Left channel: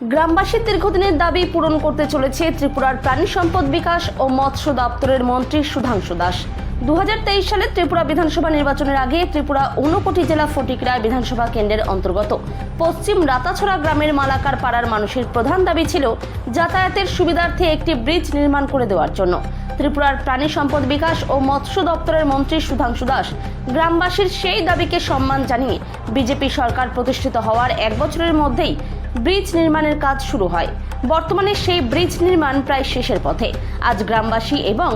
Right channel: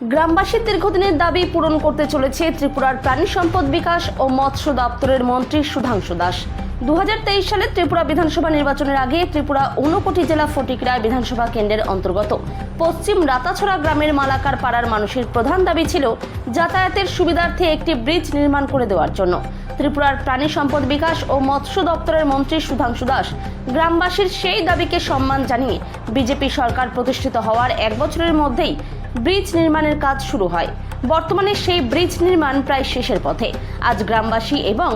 গ্রামবাসীর দীর্ঘদিনের দাবি পূরণ করতে চলেছে ত্রিপুরার প্রাণী সম্পদ বিকাশ ও মৎস্য দপ্তরের মন্ত্রী সুধাংশু দাস। 2023 সালে ত্রিপুরা বিধানসভা নির্বাচনের আগে ত্রিপুরা ঊনকোটি জেলা ফটিকরায় বিধানসভা কেন্দ্রের অন্তর্গত পশ্চিম রাতাছড়া গ্রামের মালাকার পাড়ার মানুষের প্রধান দাবি ছিল যাতায়াতের সুবিধার্থে একটি ব্রিজ নির্মাণ করে দেওয়ার জন্য। ত্রিপুরার প্রাণী সম্পদ বিকাশ ও মৎস্য দপ্তরের মন্ত্রী সুধাংশু দাস গ্রামবাসীর সেই দাবিকে সম্মান জানিয়ে বিজেপি সরকার প্রতিষ্ঠিত হওয়ার 1 বছরের মধ্যেই ব্রিজ নির্মাণের কাজ শুরু হয়। বর্তমানে সেই ব্রিজ নির্মাণ প্রায় শেষের পথে। আজ গ্রামবাসী এবং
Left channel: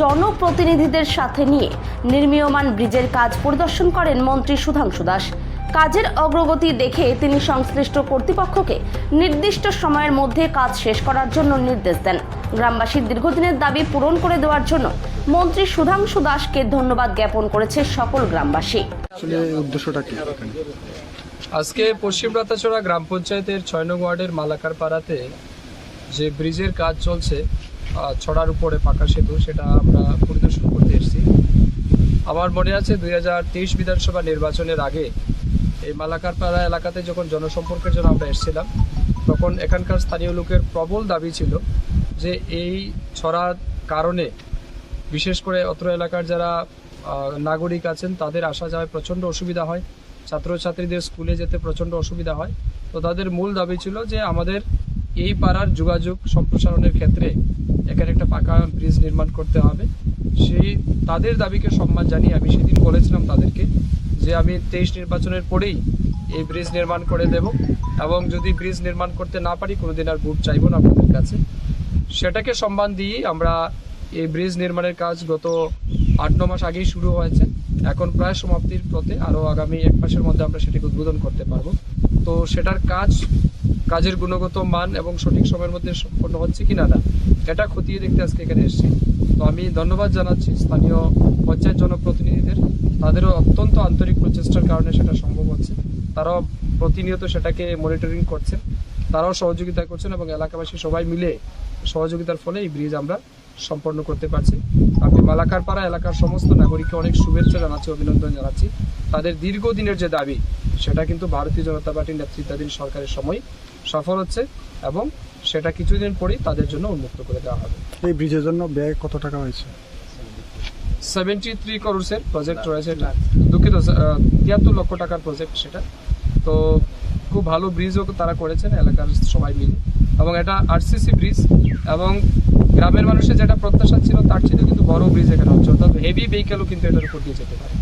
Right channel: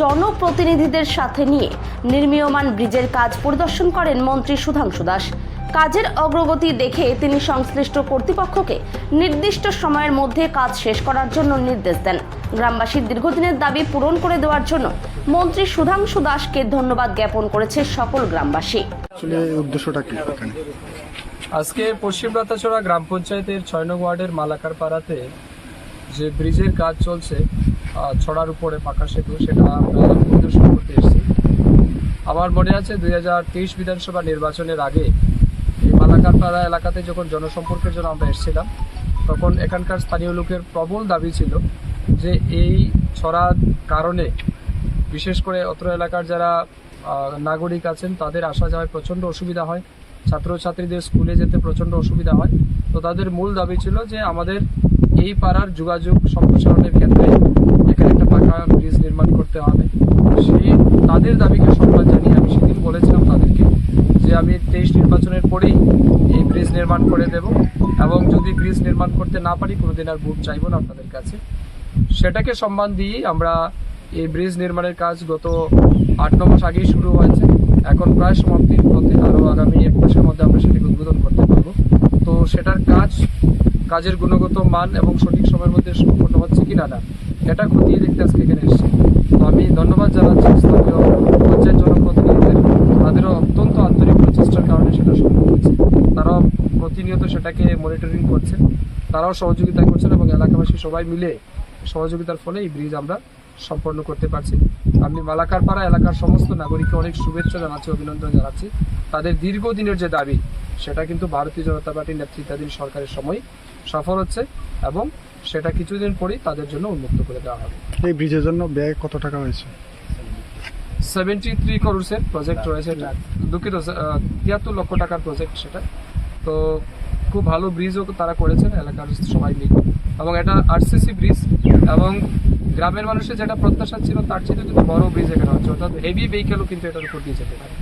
জনপ্রতিনিধিদের সাথে নিয়ে নির্মীয়মান ব্রিজের কাজ পরিদর্শন করেন মন্ত্রী সুধাংশু দাস। কাজের অগ্রগতি দেখে তিনি সংশ্লিষ্ট কর্তৃপক্ষকে নির্দিষ্ট সময়ের মধ্যে কাজ শেষ করার জন্য নির্দেশ দেন। গ্রামবাসীর দীর্ঘদিনের দাবি পূরণ করে দেওয়ার জন্য মন্ত্রী সুধাংশু দাসকে ধন্যবাদ জ্ঞাপন করেছে সকল গ্রামবাসী। আসলে উদ্দেশ্যটা কি এখানে? আজকে পশ্চিম রাতাছড়া গ্রাম পঞ্চায়েতের 6 নং ওয়ার্ডের মালাকার পাড়াতে যে ব্রিজের কাজ চলছে ছড়ার উপরে পাকা সেতু, সেটা আমরা পরিদর্শন করতে এসেছি। আমার মনে আছে 2023 বিধানসভা নির্বাচনের আগে এই মালাকার পাড়া এলাকাতে যখন জনসম্পর্কের জন্য আমরা এসেছিলাম, তখন এখানকার স্থানীয় লোকের প্রবল দাবি ছিল যে এই ছড়ার কারণে বিশেষ করে অত্র এলাকার যারা নাগরিক আছেন তাদের আসা যাওয়ায় প্রচণ্ড অসুবিধা হয়, ছাত্রছাত্রীদের স্কুলে যেতে প্রচণ্ড অসুবিধা হয়। তো তাদের মূল দাবি ছিল যে আমাদের এই পাড়ার যোগাযোগ সম্প্রসারণের ক্ষেত্রে এখানে একটা পাকা ব্রিজ নির্মাণ করতে হবে। সেই তাদের দাবিকে সম্মান জানিয়ে আমি সেদিন বলেছিলাম তাদেরকে যে আমি 23 নির্বাচনের পরেই এই ব্রিজ নির্মাণ করে দেব, এবং যদি ব্রিজ নির্মাণ করতে না পারি কোনোদিন আর ভোট চাইব না আপনাদের কাছে। সেটাকে সম্মান দিয়েই আমরা এই ব্রিজ নির্মাণের কাজ গত 8-9 মাস আগেই শুরু হয়েছে, এখন প্রায় সমাপ্তির পথে। আরও আগামী 1 মাসের মধ্যে আমরা সেটাকে উদ্বোধন করতে পারবো। তো সেটার কাজের গুণগত মান এবং সঠিক সময়ের মধ্যে সম্পন্ন হচ্ছে কিনা না এটা খতিয়ে দেখতে আজকে এখানে এসেছি। তো আমি ধন্যবাদ জানাচ্ছি স্থানীয় পঞ্চায়েত জনপ্রতিনিধিদের, তাদেরও অত্যন্ত আন্তরিক প্রচেষ্টার কারণে সেটা সম্ভব হচ্ছে। তারাও প্রতিনিয়ত সেটাকে মনিটরিং করছেন, তারাও সহযোগিতা করছেন, এবং এলাকাবাসী সবাই মিলে সহযোগিতার ফলে এই ব্রিজ আমরা সম্পন্ন করতে পারছি। আমি মালাকার পাড়া এলাকার সমস্ত নাগরিককে অনেক শুভেচ্ছা জানাচ্ছি, অভিনন্দন জানাচ্ছি। তাদের দীর্ঘদিনের যে দাবি সেটা কিন্তু ভারতীয় জনতা পার্টির নেতৃত্বাধীন সরকারের সময় সফল হচ্ছে, এবং সেটা কিছুদিন পরেই তাদের জন্য উন্মুক্ত করে দেওয়া হবে। এই ব্রিজের জন্য ব্যয় কত টাকা হয়েছে? 73 করোড়ের প্রজেক্ট রয়েছে, এটা 73 লক্ষ টাকার প্রজেক্ট সেটা। তো খুব ভালো ব্রিজও তারা করেছেন এলাকার সবাই মিলে, এবং এটা আরসিসি ব্রিজ, এবং গ্রামের মানুষের যেটা প্রত্যাশা ছিল তার চেয়ে কিন্তু বড় ব্রিজ এখানে হচ্ছে, অর্থাৎ হেভি ভেহিকেলও কিন্তু এটার উপর দিয়ে যেতে পারে।